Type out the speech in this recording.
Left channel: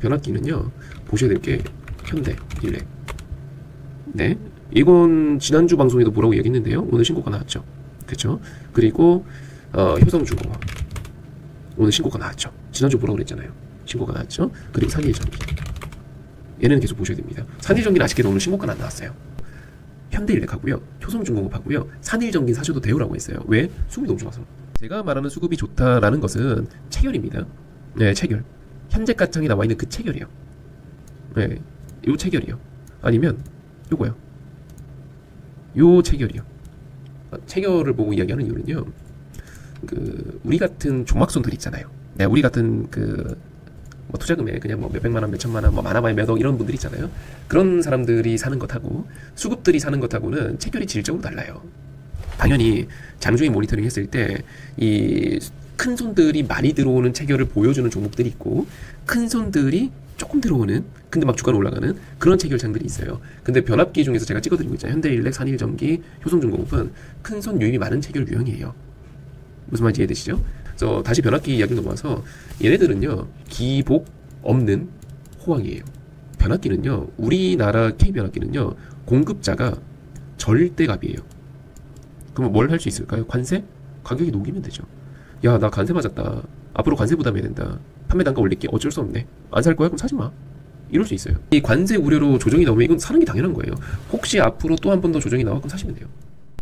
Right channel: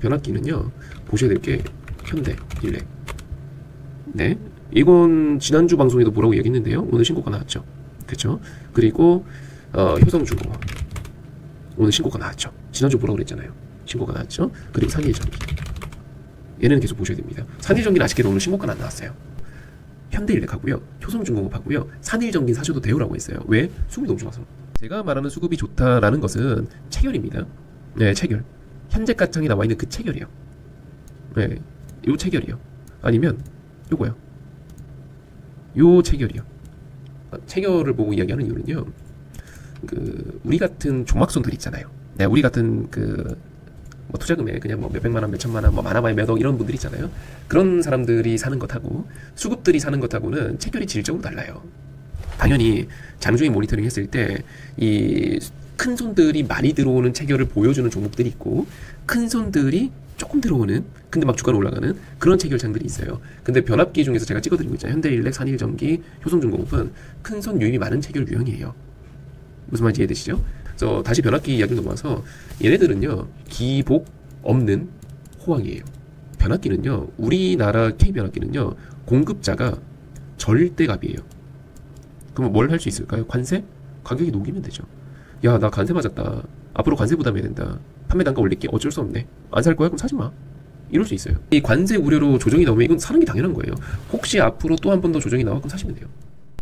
변압기는요 보셔야 될 게 현대 일렉. 네? 이건 지난주 방송에도 뭐라고 얘기했는데요. 오늘 신고가 나왔죠. 그렇죠 그리고 어, 효성중공업 오늘 신고가 나왔죠. 지난주 뭐라고 그랬잖아요. 신고가 나왔죠. 그리고 산일전기. 얘는 계속 보셔야 됩니다. 산일전기는 아쉽게도 오늘 신고가 안 나왔어요. 현대일렉하고요. 효성중공업하고요. 산일전기 사셔도 돼요라고 했어요. 왜? 수급이 너무 좋아서. 제가 말하는 수급이 좋다라는 것은 체결입니다. 네 체결 현재 가창이 나와 있는 그 체결이요. 네, 요 체결이요. 아니면 요거요. 요 체결이요. 어, 체결을 보고 이야기하는 이유는요. 그 우리 같은 조막손들 있잖아요. 네, 우리 같은 그 뭐 투자금에 그냥 뭐 몇백만 원, 몇천만 원, 뭐 많아봐야 몇억 이런 분들 있잖아요. 그런 사람들이 사는 것하고 수급들이 사는 것하고는 체결이 질적으로 달라요. 당연히 장중에 모니터링 했을 때 이 큰 손들이 많이 들어오는 체결을 보여주는 종목들이 있고 큰 손들이 조금 들어오는 근데 막 주가는 올라가는 그런 체결장들이 있어요. 근데 변압기 중에서 제가 찍어드리고 있잖아요. 현대일렉, 산일전기, 효성중공업은 큰 손 유입이 많은 체결 유형이에요. 무슨 말인지 이해되시죠? 그래서 다시 변압기 이야기 넘어와서 얘네들은요 기복 없는 호황이에요. 변압기는요 우리나라 K 변압기는요 공급자가 절대값이에요. 그럼 뭘 할 수 있을까요? 관세? 가격이 녹이면 되죠. 야나 관세 맞았다. 앞으로 관세 부담해야 된다. 판매 단가 올릴게. 어쩔 수 없네. 안 살 거야? 그럼 사지 마. 이럴 수 있어요. 이 관세 우려로 조정이 나오면 이건 사는 게 당연한 거예요. 혹시 앞으로 또 한 번 더 조정이 나와 그럼 사시면 돼요.